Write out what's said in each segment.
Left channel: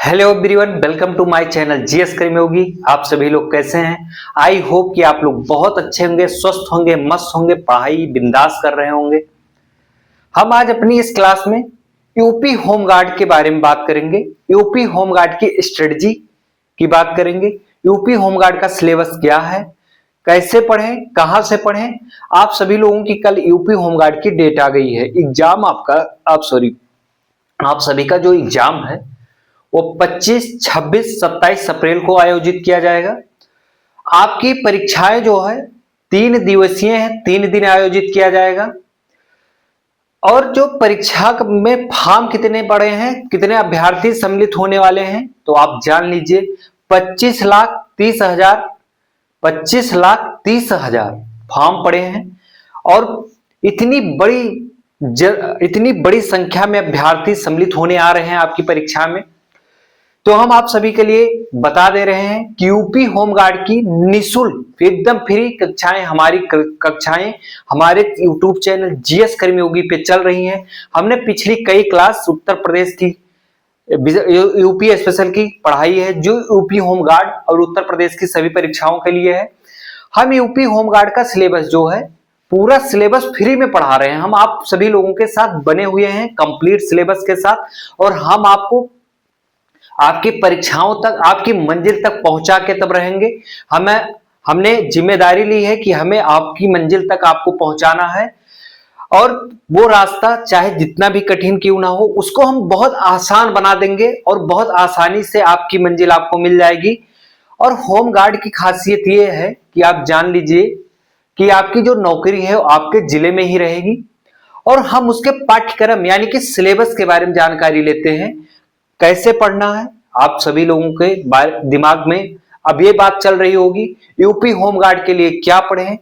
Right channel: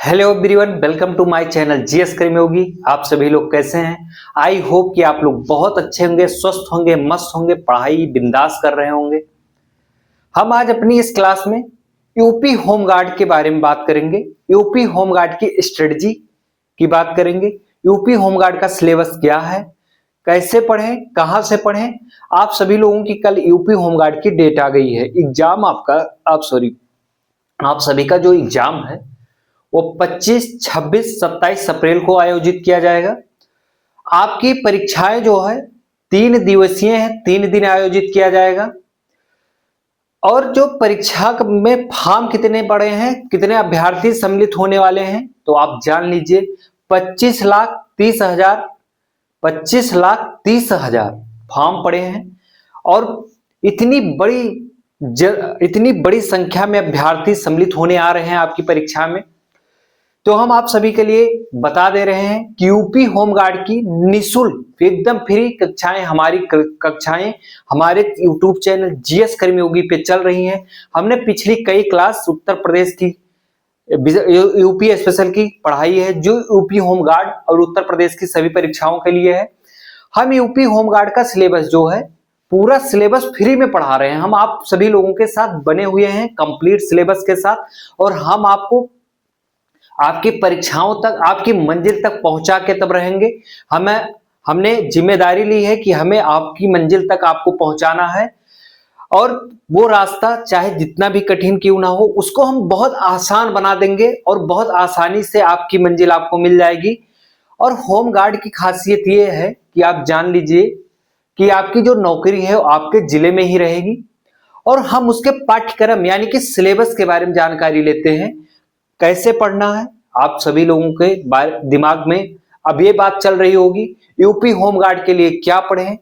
Hello everyone, welcome to my channel GS Karmayogi. आप सभी लोग कैसे हैं? आई होप कि आप लोग बहुत अच्छे होंगे, स्वस्थ होंगे, मस्त होंगे, पढ़ाई बिंदास कर रहे होंगे। हम आज अपनी इस क्लास में यूपी होमगार्ड के बारे में बात करेंगे। यूपी होमगार्ड की स्ट्रेटजी की बात करेंगे। यूपी होमगार्ड का सिलेबस क्या है, कैसे पढ़ें, कहां से पढ़ें। आप सभी लोगों की कल यूपी होमगार्ड की डेट आ गई है। एग्जाम आपका आप सभी का जो एग्जाम है वो 25, 26, 27 अप्रैल को आयोजित किया जाएगा। आपकी परीक्षाएं जो है 3 दिवसीय है, 3 दिन आयोजित किया जाएगा। और जो परीक्षा में फॉर्म कितने पड़े हैं, कितने अभ्यर्थी सम्मिलित होने वाले हैं, तो आप जान लीजिए 25,30,000 25,30,000 फॉर्म पड़े हैं। और इतनी बड़ी इतनी बड़ी संख्या में अभ्यर्थी सम्मिलित होने आ रहे हैं आपकी परीक्षा में। तो हम आप सभी के लिए बता दे रहे हैं कि यूपी होमगार्ड की निःशुल्क एकदम फ्री कक्षाएं हमारे यूट्यूब चैनल जीएस कर्मयोगी पे चल रही हैं। हमने पिछली कई क्लास उत्तर प्रदेश की यूपी स्पेशल की पढ़ाई है, जो यूपी होमगार्ड और उत्तर प्रदेश की सभी परीक्षाओं के लिए है। हम यूपी होमगार्ड का सिलेबस जो है पूरा सिलेबस फ्री में पढ़ा रहे हैं। हम आप सभी लोगों के साथ बने हुए हैं कंप्लीट सिलेबस के साथ, और हम आपको आपकी परीक्षाओं तक, आपकी मंजिल तक पहुंचा के तब रहेंगे। हमने जिम्मेदारी ली है कि हमें आपकी मंजिल तक आपको पहुंचाना है, और वो रास्ता चाहे जितना भी कठिन क्यों ना हो, उसको हम बहुत आसान बना देंगे और बहुत आसानी से आपकी मंजिल आपको मिल जाएगी। और होम गार्ड की खासियत ये है कि आप जान लीजिए कि आपकी जो नौकरी है वो आपके जिले में ही रहेगी। और हम उसके पाठ्यक्रम यानी कि सिलेबस के बारे में जानकारी लेते हैं, कैसे पढ़ना है। आप सभी लोगों के दिमाग में अब ये बात चल रही होगी, यूपी होमगार्ड के लिए क्या पढ़ें,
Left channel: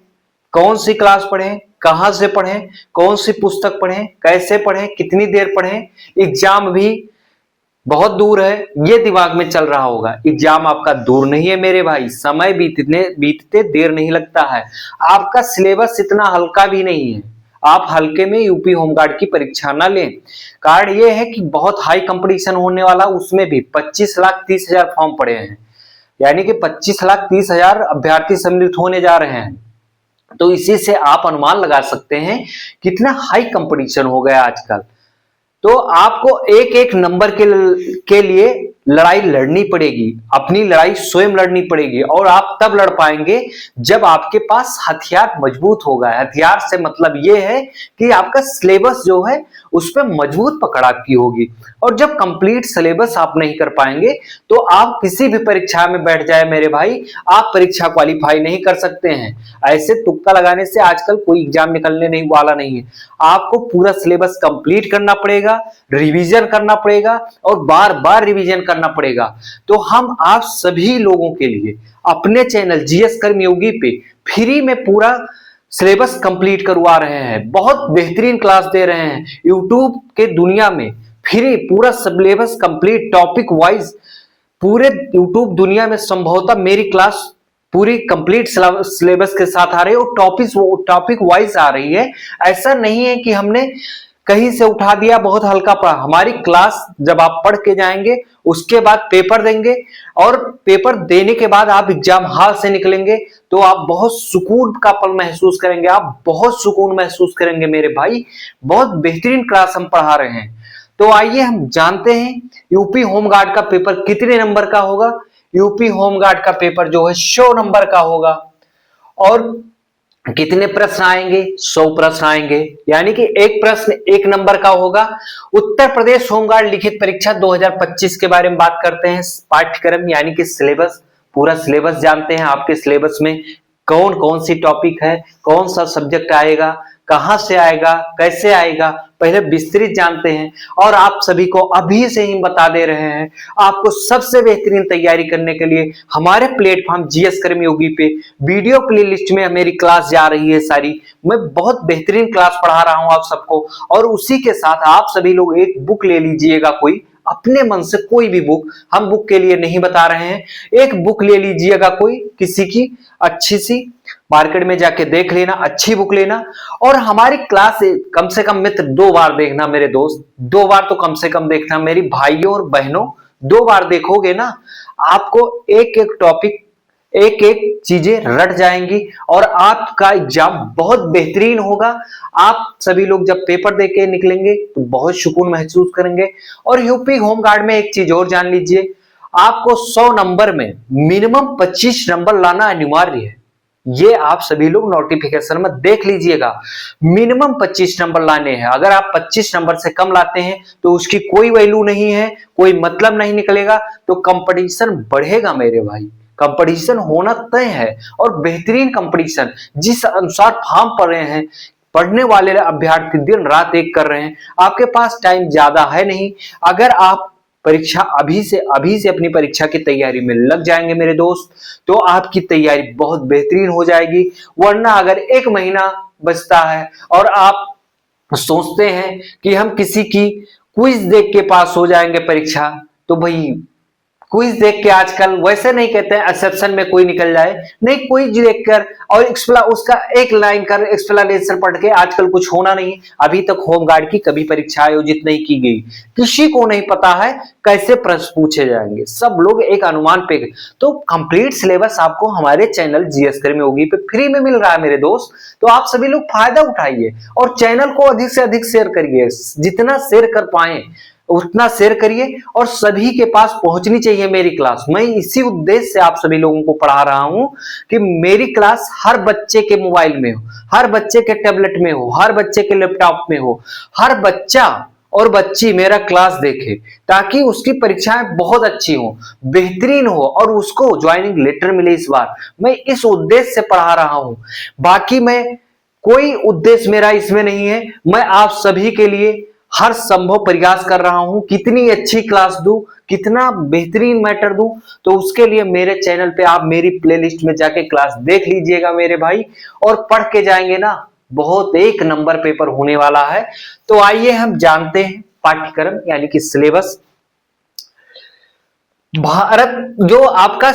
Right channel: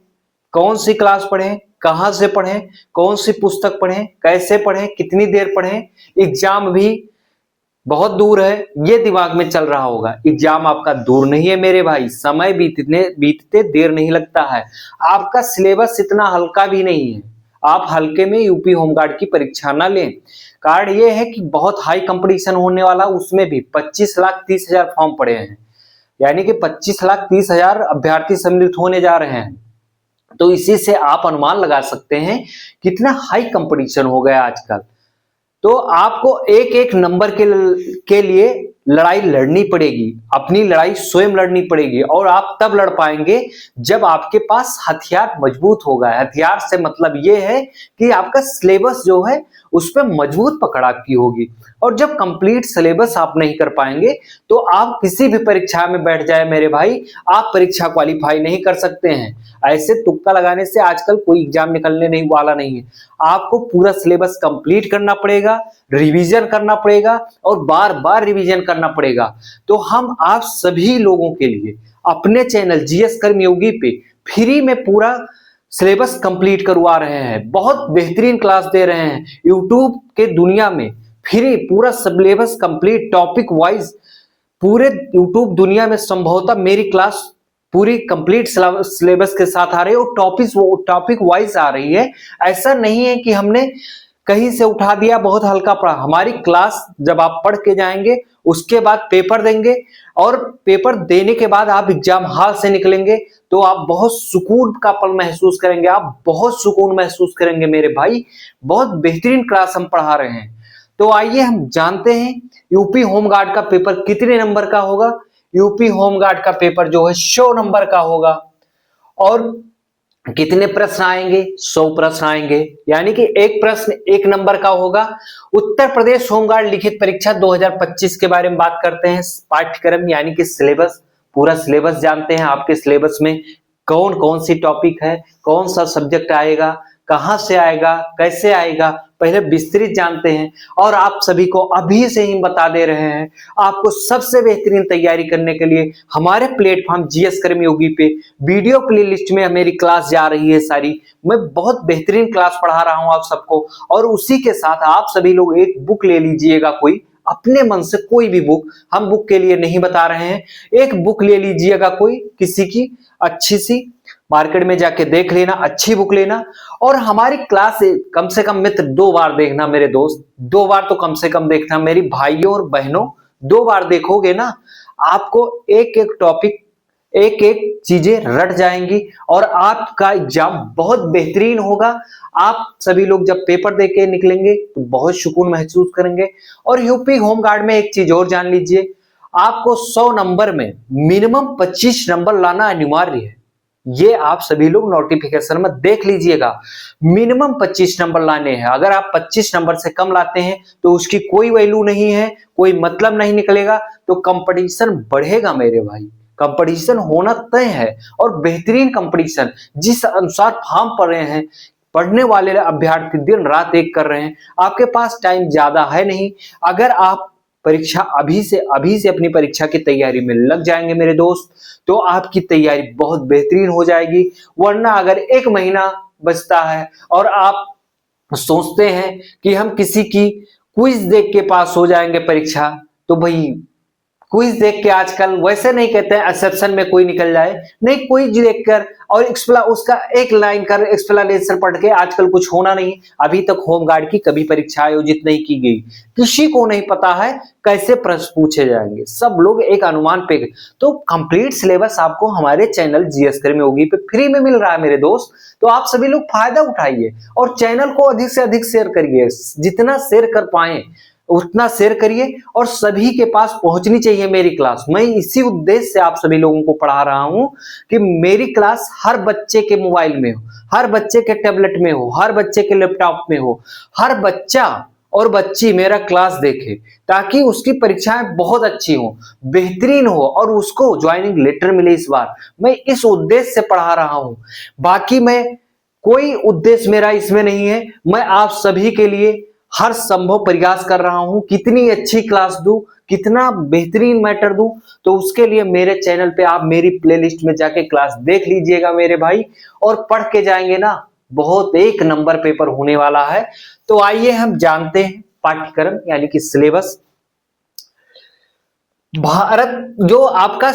कौन सी क्लास पढ़ें, कहां से पढ़ें, कौन सी पुस्तक पढ़ें, कैसे पढ़ें, कितनी देर पढ़ें। एग्जाम भी बहुत दूर है, ये दिमाग में चल रहा होगा। एग्जाम आपका दूर नहीं है मेरे भाई, समय बीतते देर नहीं लगता है। आपका सिलेबस इतना हल्का भी नहीं है, आप हल्के में यूपी होमगार्ड की परीक्षा ना लें। कारण ये है कि बहुत हाई कंपटीशन होने वाला, उसमें भी 25,30,000 फॉर्म पड़े हैं, यानी कि 25,30,000 अभ्यर्थी सम्मिलित होने जा रहे हैं। तो इसी से आप अनुमान लगा सकते हैं कितना हाई कंपटीशन हो गया आजकल। तो आपको एक एक नंबर के लिए लड़ाई लड़नी पड़ेगी, अपनी लड़ाई स्वयं लड़नी पड़ेगी। और आप तब लड़ पाएंगे जब आपके पास हथियार मजबूत होगा। हथियार से मतलब यह है कि आपका सिलेबस जो है उस पर मजबूत पकड़ आपकी होगी। और जब कंप्लीट सिलेबस आप नहीं कर पाएंगे तो आप किसी भी परीक्षा में बैठ जाए मेरे भाई, आप परीक्षा क्वालिफाई नहीं कर सकते हैं। ऐसे तुक्का लगाने से आजकल कोई एग्जाम निकलने नहीं वाला नहीं है। आपको पूरा सिलेबस कंप्लीट करना पड़ेगा, रिवीजन करना पड़ेगा और बार बार रिवीजन करना पड़ेगा। तो हम आप सभी लोगों के लिए अपने चैनल जीएस कर्मयोगी पे फ्री में पूरा सिलेबस कंप्लीट करवा रहे हैं, बहुत बेहतरीन क्लास दे रहे हैं। यूट्यूब के दुनिया में फ्री पूरा सिलेबस कंप्लीट टॉपिक वाइज, पूरे यूट्यूब दुनिया में संभवतः मेरी क्लास पूरी कंप्लीट सिलेबस के साथ आ रही है और टॉपिक वाइज आ रही है। ऐसा नहीं है कि हमने कहीं से उठा दिया, बहुत हल्का पढ़ा। हमारी क्लास जब आप पढ़ के जाएंगे उसके बाद पेपर देंगे, और पेपर देने के बाद आप एग्जाम हॉल से निकलेंगे तो आप बहुत सुकून का पल महसूस करेंगे, आप बहुत सुकून महसूस करेंगे मेरे भाई। बहुत बेहतरीन क्लास हम पढ़ा रहे हैं। तो आइए हम जानते हैं यूपी होमगार्ड का पेपर कितने नंबर का होगा। यूपी होमगार्ड का पेपर जो है 100 नंबर का होगा। और कितने प्रश्न आएंगे? 100 प्रश्न आएंगे, यानी कि एक प्रश्न 1 नंबर का होगा। उत्तर प्रदेश होमगार्ड लिखित परीक्षा 2025 के बारे में बात करते हैं। पाठ्यक्रम यानी कि सिलेबस, पूरा सिलेबस जानते हैं। आपके सिलेबस में कौन कौन सी टॉपिक है, कौन सा सब्जेक्ट आएगा, कहां से आएगा, कैसे आएगा, पहले विस्तृत जानते हैं। और आप सभी को अभी से ही बता दे रहे हैं, आपको सबसे बेहतरीन तैयारी करने के लिए हमारे प्लेटफॉर्म जीएस कर्मयोगी पे वीडियो प्लेलिस्ट में मेरी क्लास जा रही है सारी। मैं बहुत बेहतरीन क्लास पढ़ा रहा हूं आप सबको। और उसी के साथ आप सभी लोग एक बुक ले लीजिएगा, कोई अपने मन से कोई भी बुक, हम बुक के लिए नहीं बता रहे हैं। एक बुक ले लीजिएगा कोई किसी की अच्छी सी, मार्केट में जाके देख लेना, अच्छी बुक लेना। और हमारी क्लास कम से कम मित्र 2 बार देखना मेरे दोस्त, 2 बार तो कम से कम देखना मेरी भाइयों और बहनों, 2 बार देखोगे ना, आपको एक एक टॉपिक, एक एक चीजें रट जाएंगी और आपका एग्जाम बहुत बेहतरीन होगा। आप सभी लोग जब पेपर देके निकलेंगे तो बहुत सुकून महसूस करेंगे। और यूपी होमगार्ड में एक चीज और जान लीजिए, आपको 100 नंबर में मिनिमम 25 नंबर लाना अनिवार्य है। ये आप सभी लोग नोटिफिकेशन में देख लीजिएगा, मिनिमम 25 नंबर लाने हैं। अगर आप 25 नंबर से कम लाते हैं तो उसकी कोई वैल्यू नहीं है, कोई मतलब नहीं निकलेगा। तो कंपटीशन बढ़ेगा मेरे भाई, कंपटीशन होना तय है। और बेहतरीन कंपटीशन, जिस अनुसार फॉर्म पढ़ रहे हैं, पढ़ने वाले अभ्यर्थी दिन रात एक कर रहे हैं, आपके पास टाइम ज्यादा है नहीं। अगर आप परीक्षा अभी से अपनी परीक्षा की तैयारी में लग जाएंगे मेरे दोस्त, तो आपकी तैयारी बहुत बेहतरीन हो जाएगी। वरना अगर 1 महीना बचता है और आप सोचते हैं कि हम किसी की क्विज देख के पास हो जाएंगे परीक्षा, तो भाई क्विज देख के आजकल वैसे नहीं कहते हैं एक्सेप्शन में कोई निकल जाए, नहीं, क्विज देखकर और उसका एक लाइन का एक्सप्लेनेशन पढ़ के आजकल कुछ होना नहीं। अभी तक होमगार्ड की कभी परीक्षा आयोजित नहीं की गई, किसी को नहीं पता है कैसे प्रश्न पूछे जाएंगे, सब लोग एक अनुमान पे। तो कंप्लीट सिलेबस आपको हमारे चैनल जीएस कर्मी योगी पे फ्री में मिल रहा है मेरे दोस्त। तो आप सभी लोग फायदा उठाइए और चैनल को अधिक से अधिक शेयर करिए, जितना शेयर कर पाए उतना शेयर करिए। और सभी के पास पहुंचनी चाहिए मेरी क्लास। मैं इसी उद्देश्य से आप सभी लोगों को पढ़ा रहा हूं कि मेरी क्लास हर बच्चे के मोबाइल में हो, हर बच्चे के टैबलेट में हो, हर बच्चे के लैपटॉप में हो, हर बच्चा और बच्ची मेरा क्लास देखे, ताकि उसकी परीक्षाएं बहुत अच्छी हो, बेहतरीन हो और उसको ज्वाइनिंग लेटर मिले। इस बार मैं इस उद्देश्य से पढ़ा रहा हूं, बाकी मैं कोई उद्देश्य मेरा इसमें नहीं है। मैं आप सभी के लिए हर संभव प्रयास कर रहा हूं, कितनी अच्छी क्लास दूं, कितना बेहतरीन मैटर दूं। तो उसके लिए मेरे चैनल पे आप मेरी प्लेलिस्ट में जाके क्लास देख लीजिएगा मेरे भाई, और पढ़ के जाएंगे ना, बहुत एक नंबर पेपर होने वाला है। तो आइए हम जानते हैं पाठ्यक्रम यानी कि सिलेबस। भारत जो आपका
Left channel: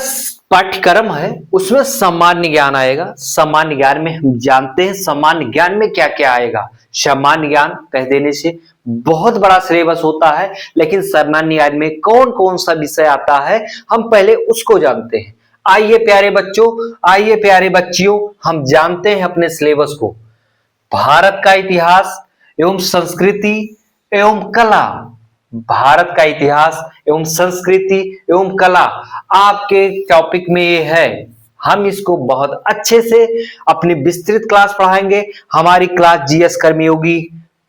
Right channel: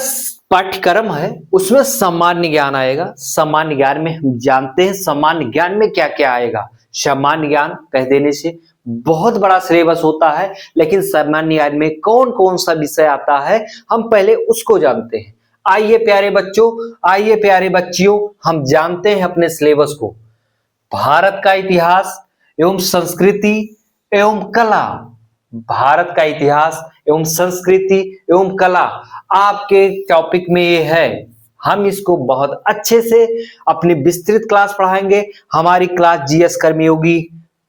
पाठ्यक्रम है उसमें सामान्य ज्ञान आएगा। सामान्य ज्ञान में हम जानते हैं सामान्य ज्ञान में क्या क्या आएगा। सामान्य ज्ञान कह देने से बहुत बड़ा सिलेबस होता है, लेकिन सामान्य ज्ञान में कौन कौन सा विषय आता है हम पहले उसको जानते हैं। आइए प्यारे बच्चों, आइए प्यारे बच्चियों, हम जानते हैं अपने सिलेबस को। भारत का इतिहास एवं संस्कृति एवं कला, भारत का इतिहास एवं संस्कृति एवं कला आपके टॉपिक में ये है। हम इसको बहुत अच्छे से अपनी विस्तृत क्लास पढ़ाएंगे। हमारी क्लास जीएस कर्मयोगी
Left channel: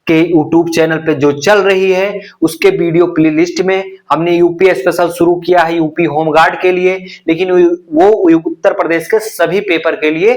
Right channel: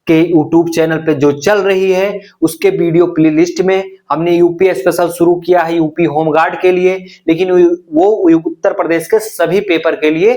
के यूट्यूब चैनल पे जो चल रही है उसके वीडियो प्लेलिस्ट में हमने यूपी स्पेशल शुरू किया है यूपी होमगार्ड के लिए, लेकिन वो उत्तर प्रदेश के सभी पेपर के लिए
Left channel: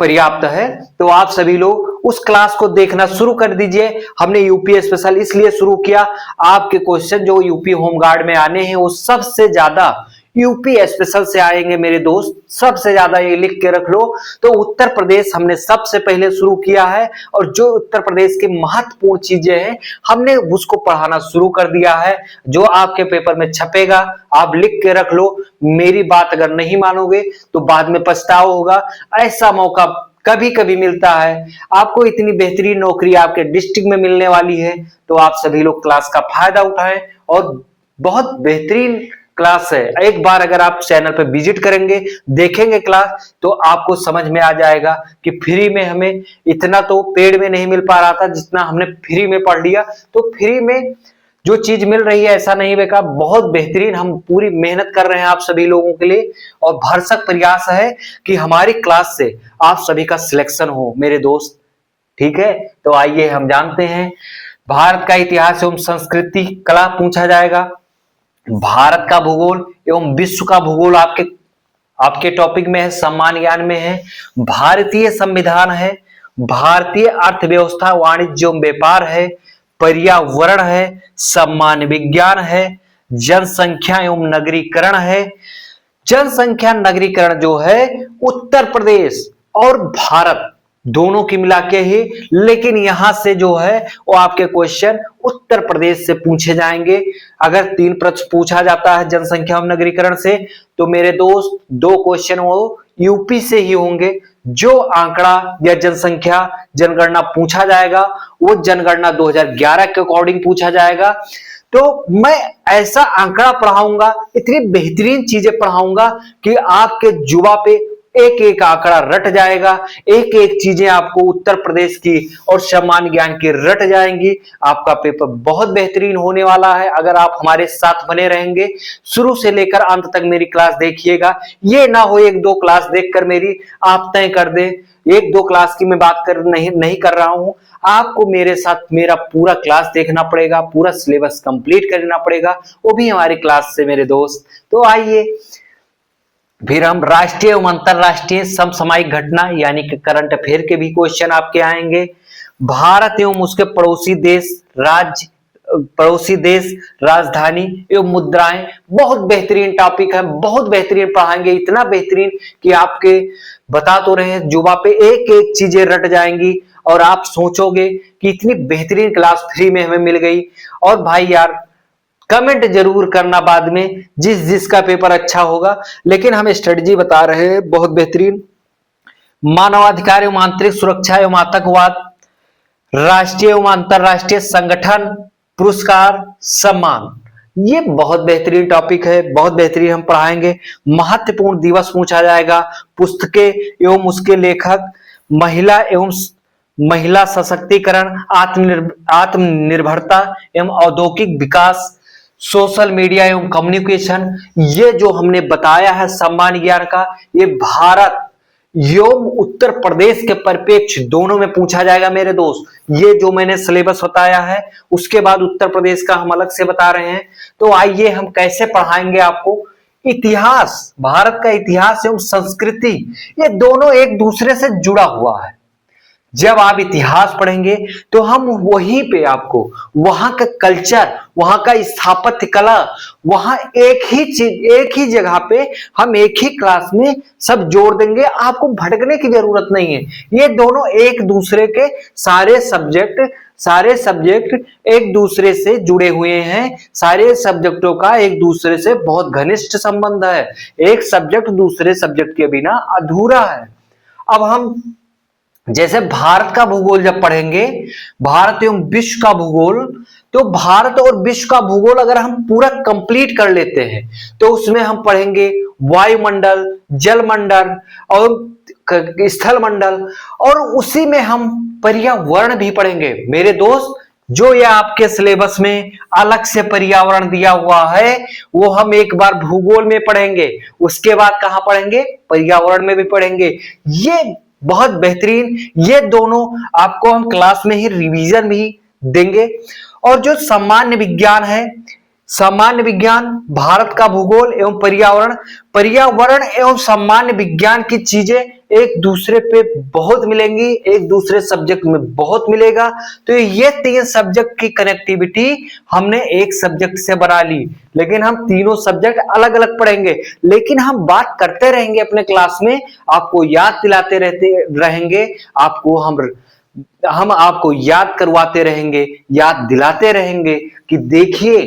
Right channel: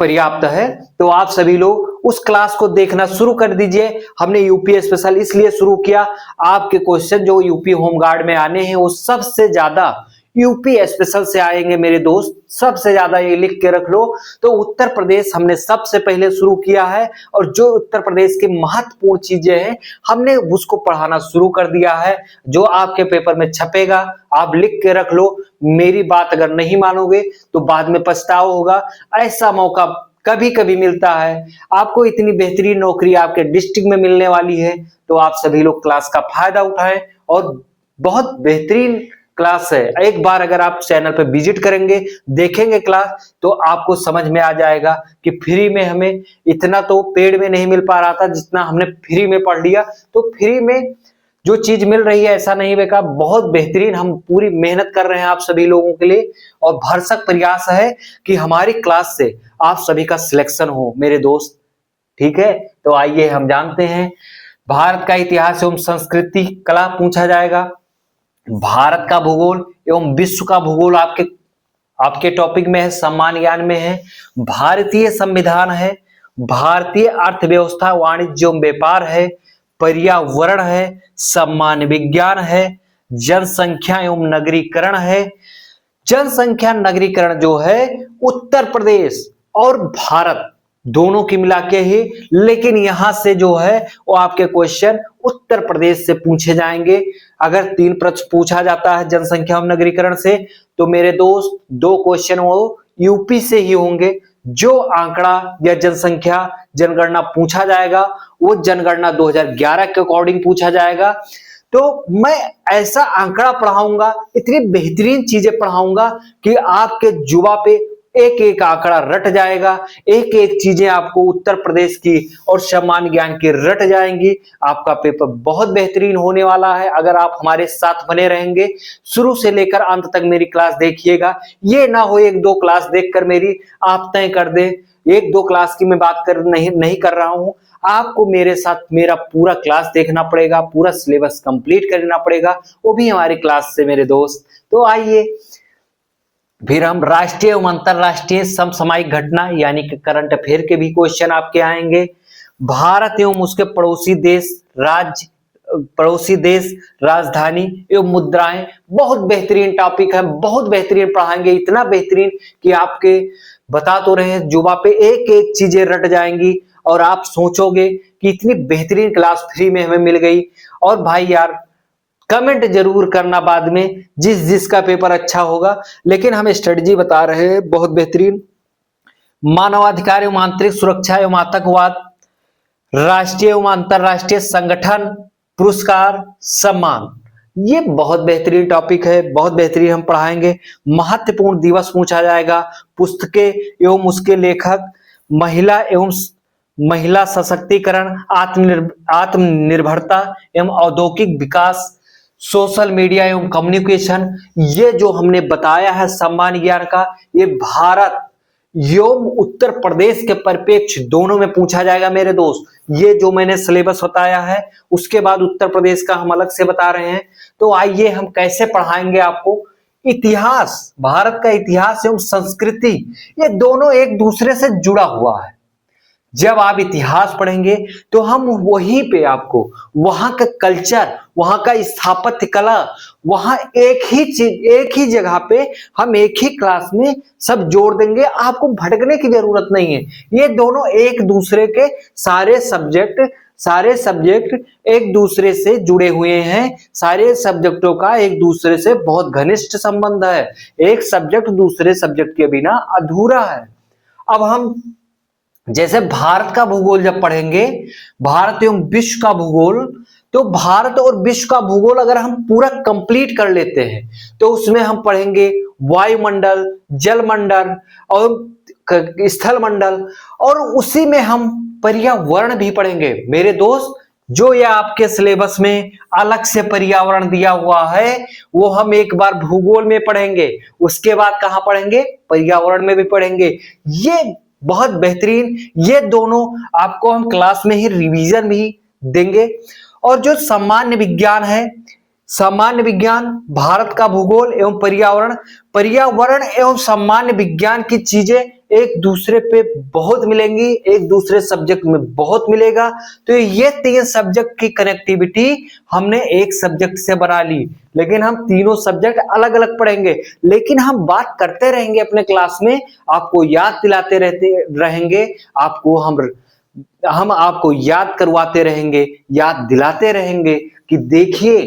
पर्याप्त है। तो आप सभी लोग उस क्लास को देखना शुरू कर दीजिए। हमने यूपी स्पेशल इसलिए शुरू किया, आपके क्वेश्चन जो यूपी होमगार्ड में आने हैं वो सबसे ज्यादा यूपी स्पेशल से आएंगे मेरे दोस्त, सबसे ज्यादा ये लिख के रख लो। तो उत्तर प्रदेश हमने सबसे पहले शुरू किया है, और जो उत्तर प्रदेश के महत्वपूर्ण चीजें हैं हमने उसको पढ़ाना शुरू कर दिया है। जो आपके पेपर में छपेगा आप लिख के रख लो। मेरी बात अगर नहीं मानोगे तो बाद में पछतावा होगा। ऐसा मौका कभी कभी मिलता है, आपको इतनी बेहतरीन नौकरी आपके डिस्ट्रिक्ट में मिलने वाली है, तो आप सभी लोग क्लास का फायदा उठाएं। और बहुत बेहतरीन क्लास है, एक बार अगर आप चैनल पर विजिट करेंगे, देखेंगे क्लास, तो आपको समझ में आ जाएगा कि फ्री में हमें इतना तो पेड में नहीं मिल पा रहा था जितना हमने फ्री में पढ़ लिया। तो फ्री में जो चीज मिल रही है ऐसा नहीं बेकार, बहुत बेहतरीन हम पूरी मेहनत कर रहे हैं आप सभी लोगों के लिए, और भरसक प्रयास है कि हमारी क्लास से आप सभी का सिलेक्शन हो मेरे दोस्त। ठीक है, तो आइए हम जानते हैं। भारत का इतिहास एवं संस्कृति कला पूछा जाएगा। भारत का भूगोल एवं विश्व का भूगोल आपके टॉपिक में है, सामान्य ज्ञान में है। भारतीय संविधान है, भारतीय अर्थव्यवस्था वाणिज्य एवं व्यापार है, पर्यावरण है, सामान्य विज्ञान है, जनसंख्या एवं नगरीकरण है। जनसंख्या नगरीकरण जो है उत्तर प्रदेश और भारत दोनों की मिला के ही, लेकिन यहां से जो है वो आपके क्वेश्चन उत्तर प्रदेश से पूछे जाएंगे। अगर 3 प्रश्न पूछा जाता है जनसंख्या एवं नगरीकरण से, तो मेरे दोस्त 2 क्वेश्चन वो यूपी से ही होंगे। जो आंकड़ा या जनसंख्या जनगणना पूछा जाएगा वो जनगणना 2011 के अकॉर्डिंग पूछा जाएगा। तो मैं ऐसा आंकड़ा पढ़ाऊंगा, इतनी बेहतरीन चीजें पढ़ाऊंगा कि आपके जुबा पे एक एक आंकड़ा रट जाएगा, एक एक चीजें आपको उत्तर प्रदेश की और सामान्य ज्ञान की रट जाएंगी। आपका पेपर बहुत बेहतरीन होने वाला है अगर आप हमारे साथ बने रहेंगे। शुरू से लेकर अंत तक मेरी क्लास देखिएगा, ये ना हो एक दो क्लास देखकर मेरी आप तय कर दें। एक दो क्लास की मैं बात कर नहीं कर रहा हूं, आपको मेरे साथ मेरा पूरा क्लास देखना पड़ेगा, पूरा सिलेबस कंप्लीट करना पड़ेगा, वो भी हमारी क्लास से मेरे दोस्त। तो आइए फिर हम राष्ट्रीय एवं अंतरराष्ट्रीय समसामयिक घटना यानी कि करंट अफेयर के भी क्वेश्चन आपके आएंगे। भारत एवं उसके पड़ोसी देश राजधानी एवं मुद्राएं, बहुत बेहतरीन टॉपिक है, बहुत बेहतरीन पढ़ाएंगे, इतना बेहतरीन कि आपके बता तो रहे हैं जुबा पे एक एक चीजें रट जाएंगी और आप सोचोगे कि इतनी बेहतरीन क्लास फ्री में हमें मिल गई। और भाई यार कमेंट जरूर करना बाद में जिसका पेपर अच्छा होगा, लेकिन हम स्ट्रेटजी बता रहे हैं बहुत बेहतरीन। मानवाधिकार एवं आंतरिक सुरक्षा एवं आतंकवाद, राष्ट्रीय एवं अंतरराष्ट्रीय संगठन पुरस्कार सम्मान, ये बहुत बेहतरीन टॉपिक है, बहुत बेहतरीन हम पढ़ाएंगे। महत्वपूर्ण दिवस पूछा जाएगा, पुस्तकें एवं उसके लेखक, महिला सशक्तिकरण, आत्मनिर्भरता एवं औद्योगिक विकास, सोशल मीडिया एवं कम्युनिकेशन, ये जो हमने बताया है सामान्य ज्ञान का, ये भारत एवं उत्तर प्रदेश के परिप्रेक्ष्य दोनों में पूछा जाएगा मेरे दोस्त। ये जो मैंने सिलेबस बताया है उसके बाद उत्तर प्रदेश का हम अलग से बता रहे हैं। तो आइए हम कैसे पढ़ाएंगे आपको। इतिहास, भारत का इतिहास एवं संस्कृति, ये दोनों एक दूसरे से जुड़ा हुआ है। जब आप इतिहास पढ़ेंगे तो हम वहीं पे आपको वहां का कल्चर, वहां का स्थापत्य कला, वहां एक ही चीज एक ही जगह पे हम एक ही क्लास में सब जोड़ देंगे, आपको भटकने की जरूरत नहीं है। ये दोनों एक दूसरे के सारे सब्जेक्ट एक दूसरे से जुड़े हुए हैं, सारे सब्जेक्टों का एक दूसरे से बहुत घनिष्ठ संबंध है, एक सब्जेक्ट दूसरे सब्जेक्ट के बिना अधूरा है। अब हम जैसे भारत का भूगोल जब पढ़ेंगे, भारत एवं विश्व का भूगोल, तो भारत और विश्व का भूगोल अगर हम पूरा कंप्लीट कर लेते हैं तो उसमें हम पढ़ेंगे वायुमंडल, जलमंडल और स्थल मंडल, और उसी में हम पर्यावरण भी पढ़ेंगे मेरे दोस्त। जो ये आपके सिलेबस में अलग से पर्यावरण दिया हुआ है वो हम एक बार भूगोल में पढ़ेंगे, उसके बाद कहां पढ़ेंगे, पर्यावरण में भी पढ़ेंगे। ये बहुत बेहतरीन, ये दोनों आपको हम क्लास में ही रिवीजन भी देंगे। और जो सामान्य विज्ञान है, सामान्य विज्ञान, भारत का भूगोल एवं पर्यावरण एवं सामान्य विज्ञान की चीजें एक दूसरे पे बहुत मिलेंगी, एक दूसरे सब्जेक्ट में बहुत मिलेगा। तो ये तीन सब्जेक्ट की कनेक्टिविटी हमने एक सब्जेक्ट से बना ली, लेकिन हम तीनों सब्जेक्ट अलग अलग पढ़ेंगे, लेकिन हम बात करते रहेंगे अपने क्लास में, आपको याद दिलाते रहते रहेंगे, हम आपको याद करवाते रहेंगे, याद दिलाते रहेंगे कि देखिए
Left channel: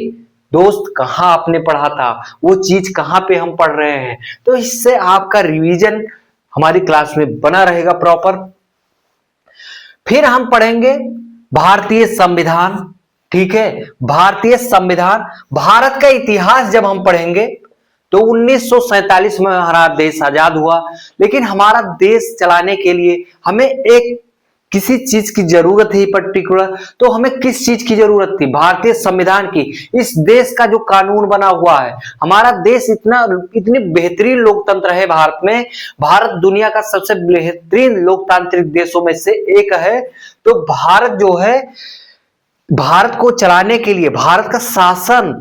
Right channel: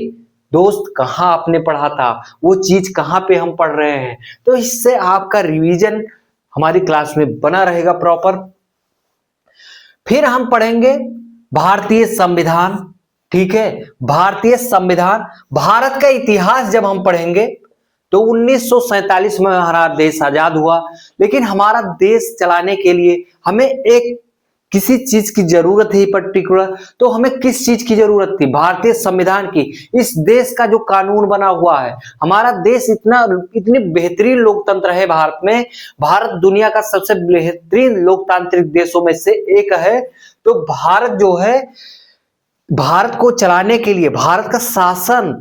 दोस्त कहां आपने पढ़ा था, वो चीज कहां पे हम पढ़ रहे हैं। तो इससे आपका रिवीजन हमारी क्लास में बना रहेगा प्रॉपर। फिर हम पढ़ेंगे भारतीय संविधान, ठीक है, भारतीय संविधान, भारत का इतिहास जब हम पढ़ेंगे तो 1947 में हमारा देश आजाद हुआ, लेकिन हमारा देश चलाने के लिए हमें एक किसी चीज की जरूरत है पर्टिकुलर, तो हमें किस चीज की जरूरत थी, भारतीय संविधान की। इस देश का जो कानून बना हुआ है, हमारा देश इतनी बेहतरीन लोकतंत्र है भारत में, भारत दुनिया का सबसे बेहतरीन लोकतांत्रिक देशों में से एक है। तो भारत जो है, भारत को चलाने के लिए, भारत का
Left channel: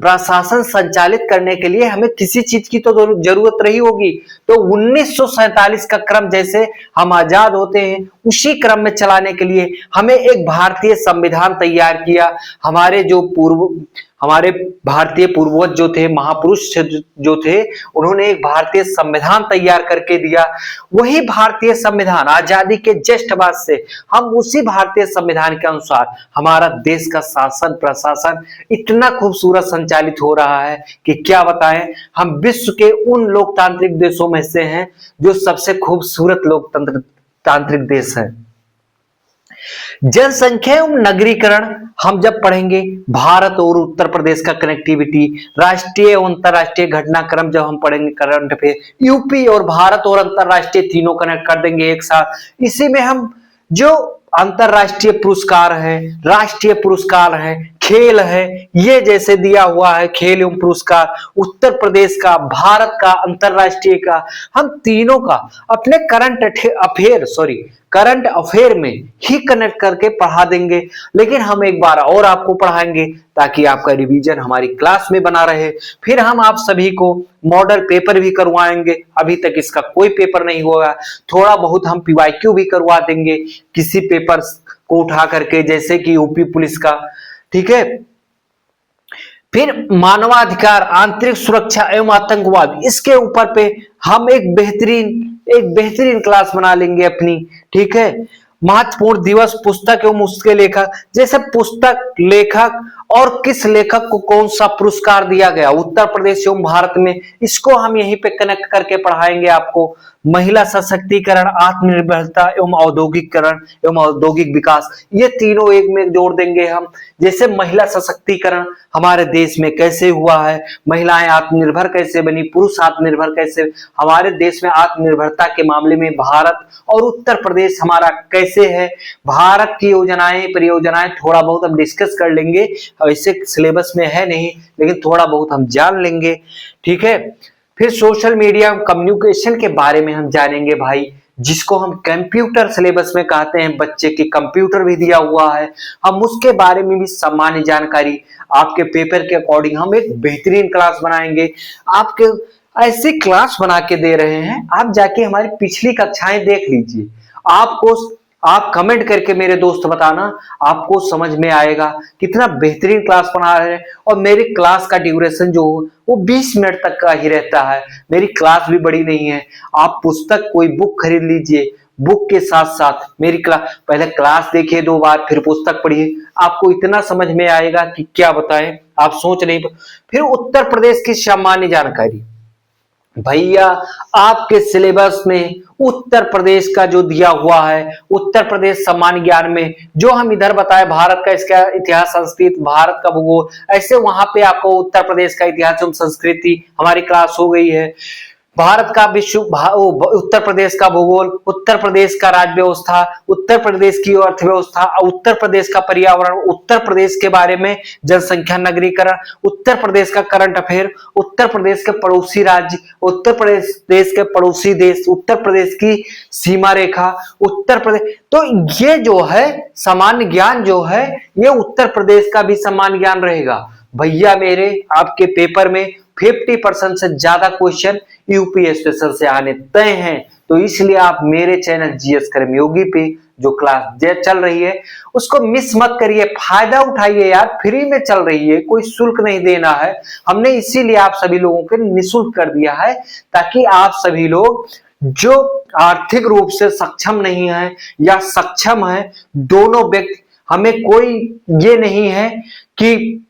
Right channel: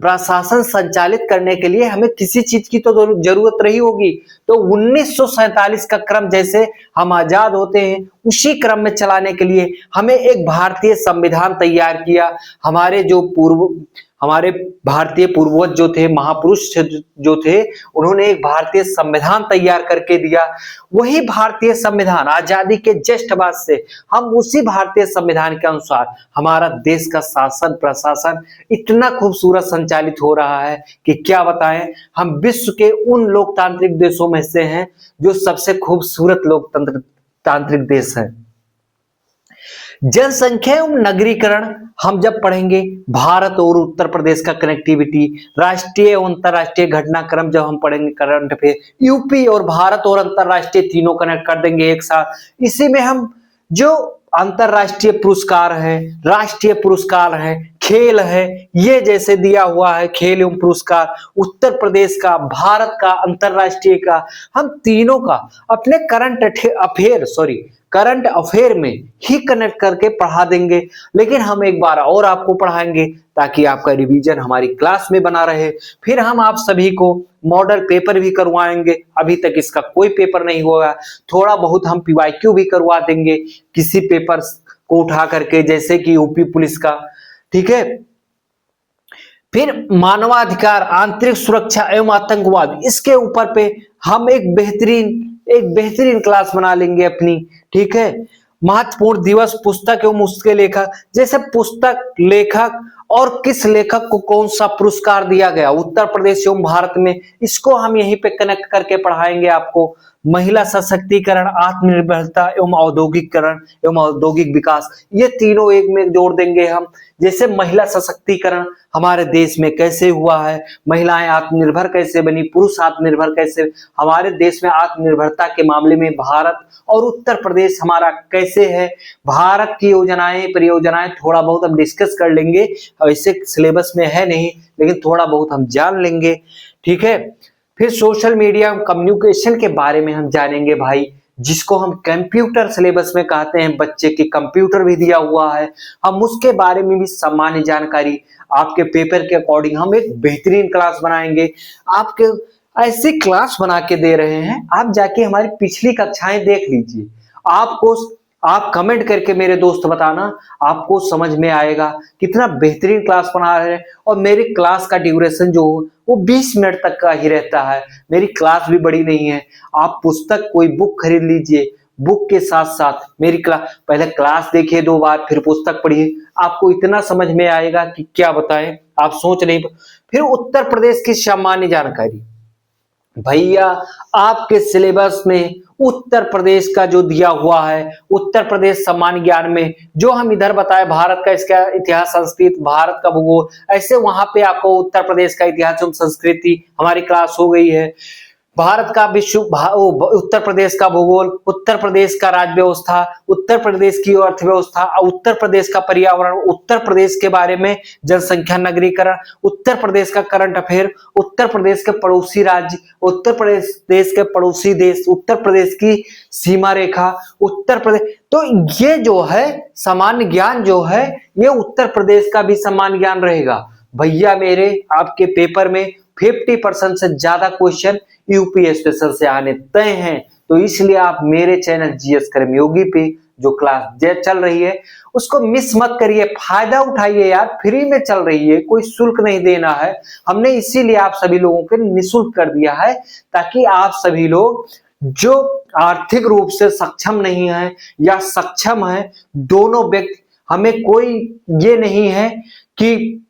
प्रशासन संचालित करने के लिए हमें किसी चीज की तो जरूरत रही होगी। तो 1947 का क्रम जैसे हम आजाद होते हैं उसी क्रम में चलाने के लिए हमें एक भारतीय संविधान तैयार किया। हमारे भारतीय पूर्वज जो थे, महापुरुष जो थे, उन्होंने एक भारतीय संविधान तैयार करके दिया। वही भारतीय संविधान आजादी के जस्ट बाद से हम उसी भारतीय संविधान के अनुसार हमारा देश का शासन प्रशासन इतना खूबसूरत संचालित हो रहा है कि क्या बताएं। हम विश्व के उन लोकतांत्रिक देशों में से हैं जो सबसे खूबसूरत लोकतांत्रिक देश है। जनसंख्या एवं नगरीकरण, हम जब पढ़ेंगे भारत और उत्तर प्रदेश का कनेक्टिविटी, राष्ट्रीय और अंतरराष्ट्रीय घटनाक्रम जब हम पढ़ेंगे करंट अफेयर, यूपी और भारत और अंतरराष्ट्रीय तीनों कनेक्ट कर देंगे एक साथ। इसी में हम जो अंतरराष्ट्रीय पुरस्कार है, राष्ट्रीय पुरस्कार है, खेल है, ये जैसे दिया हुआ है खेल एवं पुरस्कार उत्तर प्रदेश का, भारत का, अंतरराष्ट्रीय का, हम तीनों का अपने करंट अफेयर में ही कनेक्ट करके पढ़ा देंगे। लेकिन हम एक बार और आपको पढ़ाएंगे ताकि आपका रिवीजन हमारी क्लास में बना रहे। फिर हम आप सभी को मॉडल पेपर भी करवाएंगे, अभी तक इसका कोई पेपर नहीं हुआ। थोड़ा बहुत हम पीवाईक्यू भी करवा देंगे किसी पेपर को उठा करके, जैसे कि यूपी पुलिस का, ठीक है। फिर मानवाधिकार, आंतरिक सुरक्षा एवं आतंकवाद, इसके ऊपर पे हम एक बेहतरीन क्लास बना लेंगे अपनी, ठीक है। महत्वपूर्ण दिवस, पुस्तक एवं उसके लेखक, जैसे पुस्तक, लेखक और किस लेखक को कौन सा पुरस्कार दिया गया उत्तर प्रदेश एवं भारत में, इसको हम यहीं पे कनेक्ट करके पढ़ाएंगे आपको। महिला सशक्तिकरण, आत्मनिर्भरता एवं औद्योगिकरण एवं औद्योगिक विकास, ये तीनों एक में जोड़ देंगे हम। जैसे महिला सशक्तिकरण हमारे देश में कैसे हुआ है, महिलाएं आत्मनिर्भर कैसे बनी, पुरुष आत्मनिर्भर कैसे, हमारे देश में आत्मनिर्भरता के मामले में भारत और उत्तर प्रदेश हमारा कैसे है, भारत की योजनाएं परियोजनाएं थोड़ा बहुत हम डिस्कस कर लेंगे। ऐसे सिलेबस में है नहीं, लेकिन थोड़ा बहुत हम जान लेंगे, ठीक है। फिर सोशल मीडिया कम्युनिकेशन के बारे में हम जानेंगे भाई, जिसको हम कंप्यूटर सिलेबस में कहते हैं, बच्चे के कंप्यूटर भी दिया हुआ है, हम उसके बारे में भी सामान्य जानकारी आपके पेपर के अकॉर्डिंग हम एक बेहतरीन क्लास बनाएंगे। आपके ऐसी क्लास बना के दे रहे हैं, आप जाके हमारी पिछली कक्षाएं देख लीजिए। आप कमेंट करके मेरे दोस्त बताना, आपको समझ में आएगा कितना बेहतरीन क्लास पढ़ा रहे हैं। और मेरी क्लास का ड्यूरेशन जो वो 20 मिनट तक का ही रहता है, मेरी क्लास भी बड़ी नहीं है। आप पुस्तक कोई बुक खरीद लीजिए, बुक के साथ साथ मेरी क्लास, पहले क्लास देखिए 2 बार, फिर पुस्तक पढ़िए, आपको इतना समझ में आएगा कि क्या बताएं, आप सोच नहीं। फिर उत्तर प्रदेश की सामान्य जानकारी, भैया आपके सिलेबस में उत्तर प्रदेश का जो दिया हुआ है, उत्तर प्रदेश सामान्य ज्ञान में जो हम इधर बताए, भारत का इसका इतिहास संस्कृति, भारत का भूगोल, ऐसे वहां पे आपको उत्तर प्रदेश का इतिहास एवं संस्कृति हमारी क्लास हो गई है। भारत का उत्तर प्रदेश का भूगोल, उत्तर प्रदेश का राज्य व्यवस्था, उत्तर प्रदेश की अर्थव्यवस्था, उत्तर प्रदेश का पर्यावरण, उत्तर प्रदेश के बारे में जनसंख्या नगरीकरण, उत्तर प्रदेश का करंट अफेयर, उत्तर प्रदेश के पड़ोसी राज्य, उत्तर प्रदेश देश के पड़ोसी देश, उत्तर प्रदेश की सीमा रेखा, उत्तर प्रदेश। तो ये जो है सामान्य ज्ञान जो है, ये उत्तर प्रदेश का भी सामान्य ज्ञान रहेगा। भैया मेरे आपके पेपर में 50% से ज्यादा क्वेश्चन यूपी स्पेशल से आने तय हैं। तो इसलिए आप मेरे चैनल जीएस कर्मयोगी पे जो क्लास चल रही है उसको मिस मत करिए, फायदा उठाइए यार, फ्री में चल रही है, कोई शुल्क नहीं देना है। हमने इसीलिए आप सभी लोगों के निःशुल्क कर दिया है, ताकि आप सभी लोग जो आर्थिक रूप से सक्षम नहीं है या सक्षम है, दोनों व्यक्ति, हमें कोई ये नहीं है कि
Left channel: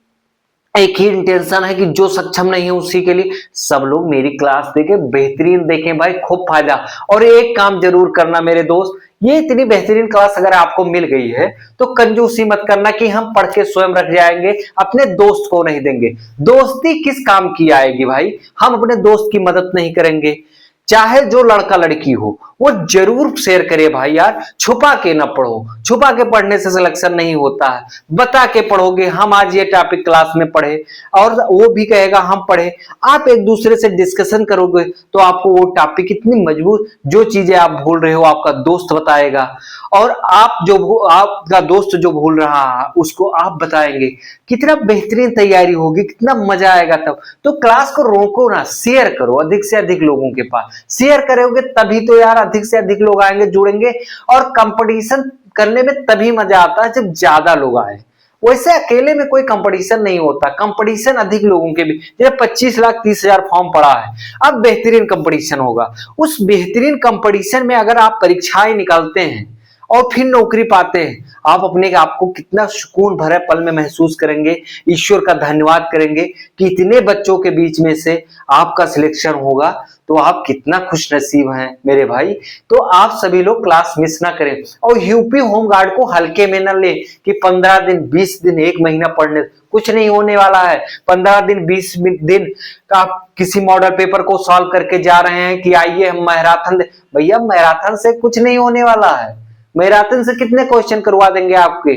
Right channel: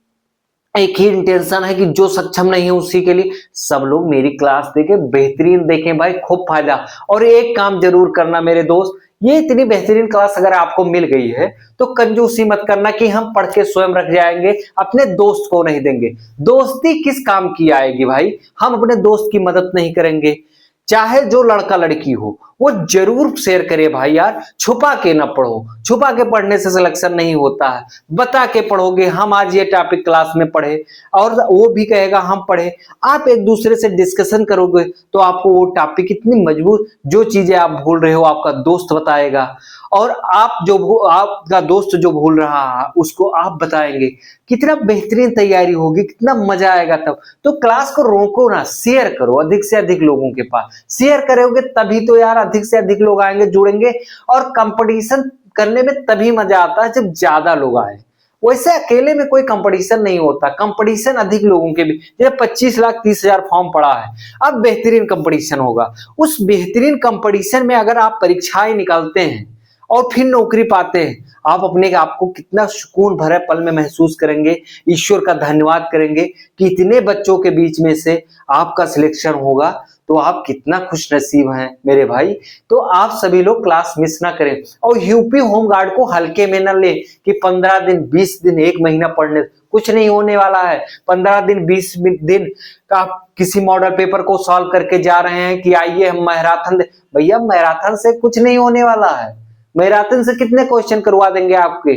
एक ही इंटेंशन है कि जो सक्षम नहीं है उसी के लिए, सब लोग मेरी क्लास देखें, बेहतरीन देखें भाई, खूब फायदा। और एक काम जरूर करना मेरे दोस्त, ये इतनी बेहतरीन क्लास अगर आपको मिल गई है तो कंजूसी मत करना कि हम पढ़ के स्वयं रख जाएंगे, अपने दोस्त को नहीं देंगे। दोस्ती किस काम की आएगी भाई, हम अपने दोस्त की मदद नहीं करेंगे। चाहे जो लड़का लड़की हो वो जरूर शेयर करे भाई यार, छुपा के ना पढ़ो, छुपा के पढ़ने से सिलेक्शन नहीं होता है, बता के पढ़ोगे। हम आज ये टॉपिक क्लास में पढ़े और वो भी कहेगा हम पढ़े, आप एक दूसरे से डिस्कशन करोगे तो आपको वो टॉपिक इतनी मजबूत, जो चीजें आप भूल रहे हो आपका दोस्त बताएगा, और आपका दोस्त जो भूल रहा है उसको आप बताएंगे। कितना बेहतरीन तैयारी होगी, कितना मजा आएगा तब। तो क्लास को रोको ना, शेयर करो अधिक से अधिक लोगों के पास, शेयर करोगे तभी तो यार अधिक से अधिक लोग आएंगे, जुड़ेंगे। और कंपटीशन करने में तभी मजा आता है जब ज्यादा लोग आए, वैसे अकेले में कोई कंपटीशन नहीं होता, कंपटीशन अधिक लोगों के भी। जैसे 25,30,000 फॉर्म पड़ा है, अब बेहतरीन कंपटीशन होगा। उस बेहतरीन कंपटीशन में अगर आप परीक्षाएं निकालते हैं और फिर नौकरी पाते हैं, आप अपने आप को कितना सुकून भरे पल में महसूस करेंगे, ईश्वर का धन्यवाद करेंगे कि इतने बच्चों के बीच में से आपका सिलेक्शन होगा। तो आप कितना खुश नसीब हैं मेरे भाई। तो आप सभी लोग क्लास मिस ना करें और यूपी होमगार्ड को हल्के में ना ले कि 15 दिन 20 दिन 1 महीना पढ़ने, कुछ नहीं होने वाला है। 15 दिन 20 दिन का आप किसी मॉडल पेपर को सॉल्व करके जा रहे हैं कि आइए हम मैराथन, भैया मैराथन से कुछ नहीं होने वाला है। मैराथन से कितने क्वेश्चन करवा देंगे आपके,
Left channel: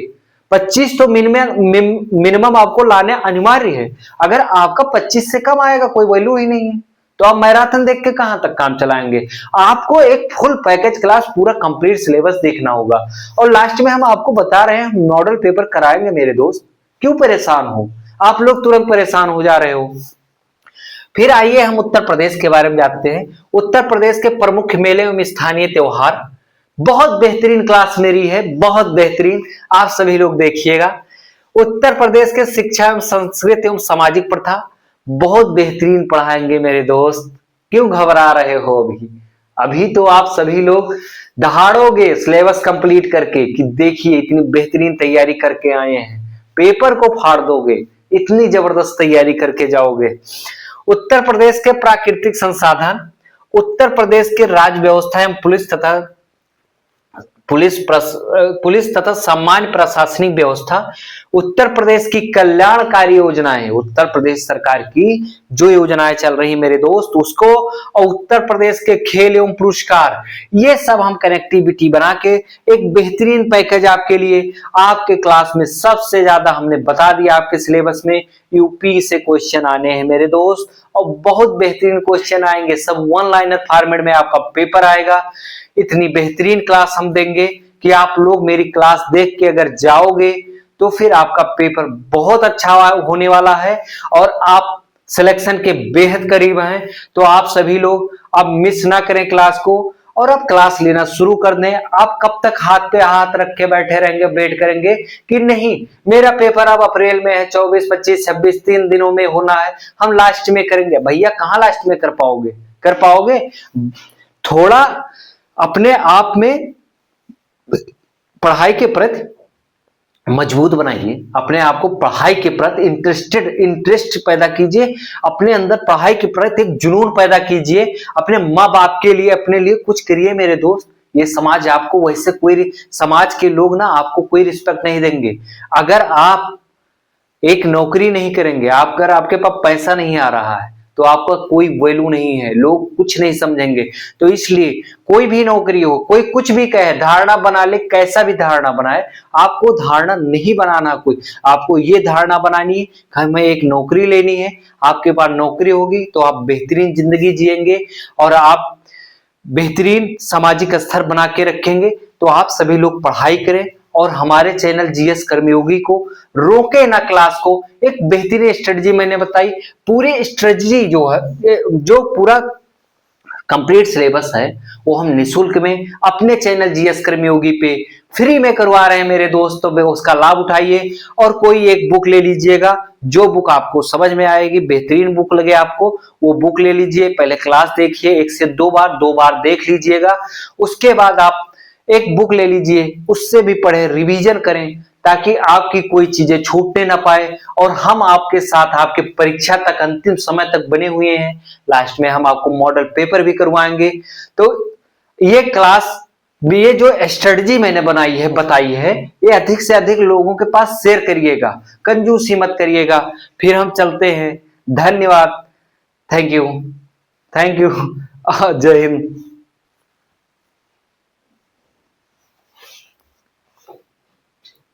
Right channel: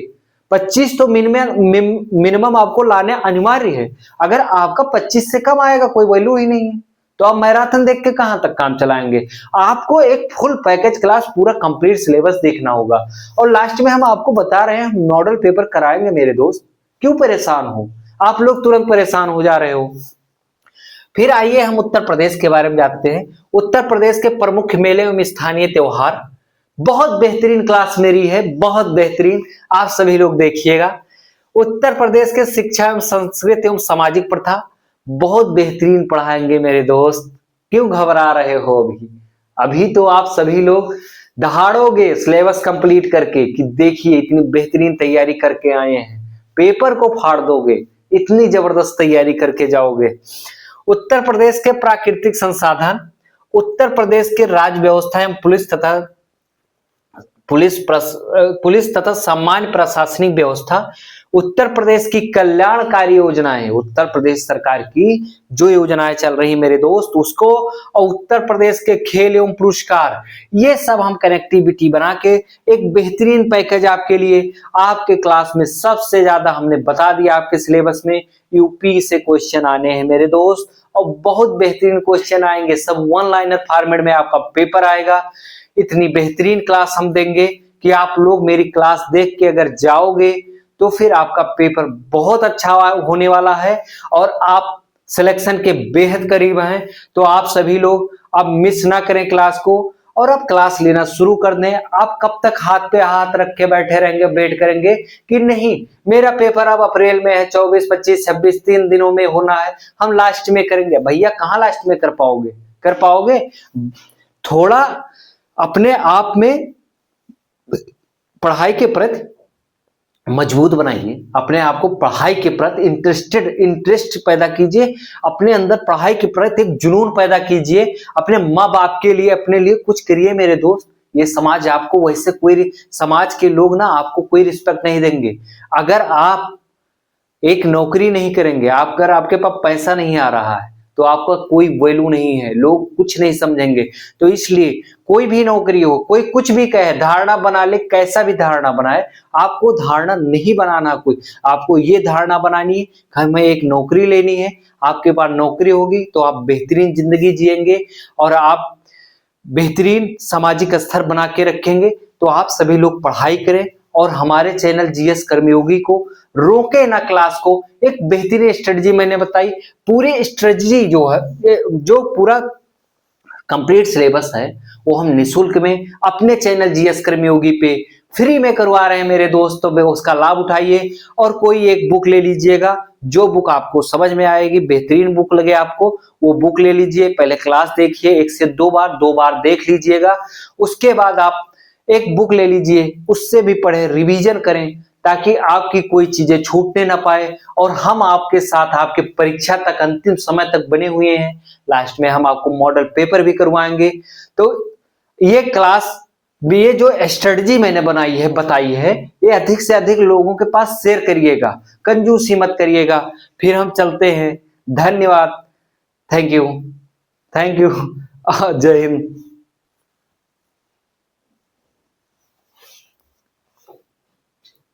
25 तो मिनिमम आपको लाने अनिवार्य है। अगर आपका 25 से कम आएगा कोई वैल्यू ही नहीं है, तो आप मैराथन देख के कहां तक काम चलाएंगे। आपको एक फुल पैकेज क्लास पूरा कंप्लीट सिलेबस देखना होगा। और लास्ट में हम आपको बता रहे हैं मॉडल पेपर कराएंगे मेरे दोस्त, क्यों परेशान हो आप लोग, तुरंत परेशान हो जा रहे हो। फिर आइए हम उत्तर प्रदेश के बारे में जानते हैं। उत्तर प्रदेश के प्रमुख मेले एवं स्थानीय त्योहार, बहुत बेहतरीन क्लास मेरी है, बहुत बेहतरीन, आप सभी लोग देखिएगा। उत्तर प्रदेश के शिक्षा एवं संस्कृति एवं सामाजिक प्रथा बहुत बेहतरीन पढ़ाएंगे मेरे दोस्त, क्यों घबरा रहे हो अभी। अभी तो आप सभी लोग दहाड़ोगे सिलेबस कंप्लीट करके कि देखिए इतनी बेहतरीन तैयारी करके आए हैं, पेपर को फाड़ दोगे, इतनी जबरदस्त तैयारी करके जाओगे। उत्तर प्रदेश के प्राकृतिक संसाधन, उत्तर प्रदेश के राज्य व्यवस्था एवं पुलिस तथा सामान्य प्रशासनिक व्यवस्था, उत्तर प्रदेश की कल्याणकारी योजनाएं, उत्तर प्रदेश सरकार की जो योजनाएं चल रही मेरे दोस्त उसको, और उत्तर प्रदेश के खेल एवं पुरस्कार, ये सब हम कनेक्टिविटी बना के एक बेहतरीन पैकेज आपके लिए, आपके क्लास में सबसे ज्यादा हमने बता दिया। आपके सिलेबस में यूपी से क्वेश्चन आने हैं मेरे दोस्त, और बहुत बेहतरीन क्वेश्चन आएंगे, सब वन लाइनर फॉर्मेट में आपका पेपर आएगा। इतनी बेहतरीन क्लास हम देंगे कि आप लोग मेरी क्लास देख के अगर जाओगे तो फिर आपका पेपर बहुत अच्छा होने वाला है और आप सिलेक्शन के बेहद करीब हैं। तो आप सभी लोग अब मिस ना करें क्लास को, और आप क्लास लेना शुरू कर दें। आप कब तक हाथ पे हाथ रख के बैठे रहेंगे, वेट करेंगे कि नहीं मेरा पेपर अब अप्रैल में है, 24 25 26 3 दिनों में होना है, हम लास्ट में करेंगे। भैया कहाँ लास्ट में कर पाओगे, कर पाओगे। थोड़ा अपने आप में पढ़ाई के प्रति मजबूत बनाइए, अपने आप को पढ़ाई के प्रति इंटरेस्ट पैदा कीजिए, अपने अंदर पढ़ाई के प्रति एक जुनून पैदा कीजिए, अपने माँ बाप के लिए अपने लिए कुछ करिए मेरे दोस्त। ये समाज आपको वैसे कोई, समाज के लोग ना आपको कोई रिस्पेक्ट नहीं देंगे अगर आप एक नौकरी नहीं करेंगे। आप अगर आपके पास पैसा नहीं आ रहा है तो आपका कोई वैल्यू नहीं है, लोग कुछ नहीं समझेंगे। तो इसलिए कोई भी नौकरी हो, कोई कुछ भी कहे, धारणा बना ले, कैसा भी धारणा बनाए, आपको धारणा नहीं बनाना कोई, आपको ये धारणा बनानी है कि हमें एक नौकरी लेनी है। आपके पास नौकरी होगी तो आप बेहतरीन जिंदगी जिएंगे और आप बेहतरीन सामाजिक स्तर बना के रखेंगे। तो आप सभी लोग पढ़ाई करें और हमारे चैनल जीएस कर्मयोगी को रोके ना क्लास को। एक बेहतरीन स्ट्रेटजी मैंने बताई, पूरी स्ट्रेटजी जो है, जो पूरा कंप्लीट सिलेबस है वो हम निशुल्क में अपने चैनल जीएस कर्मयोगी पे फ्री में करवा रहे हैं मेरे दोस्तों। उसका लाभ उठाइए और कोई एक बुक ले लीजिएगा, जो बुक आपको समझ में आएगी, बेहतरीन बुक लगे आपको, वो बुक ले लीजिए। पहले क्लास देखिए 1 से 2 बार, 2 बार देख लीजिएगा। उसके बाद आप एक बुक ले लीजिए, उससे भी पढ़े, रिवीजन करें, ताकि आपकी कोई चीजें छूटने ना पाए। और हम आपके साथ आपके परीक्षा तक अंतिम समय तक बने हुए हैं। लास्ट में हम आपको मॉडल पेपर भी करवाएंगे। तो ये क्लास, ये जो स्ट्रेटजी मैंने बनाई है, बताई है, ये अधिक से अधिक लोगों के पास शेयर करिएगा, कंजूसी मत करिएगा। फिर हम चलते हैं। धन्यवाद, थैंक यू, थैंक यू। जय हिंद।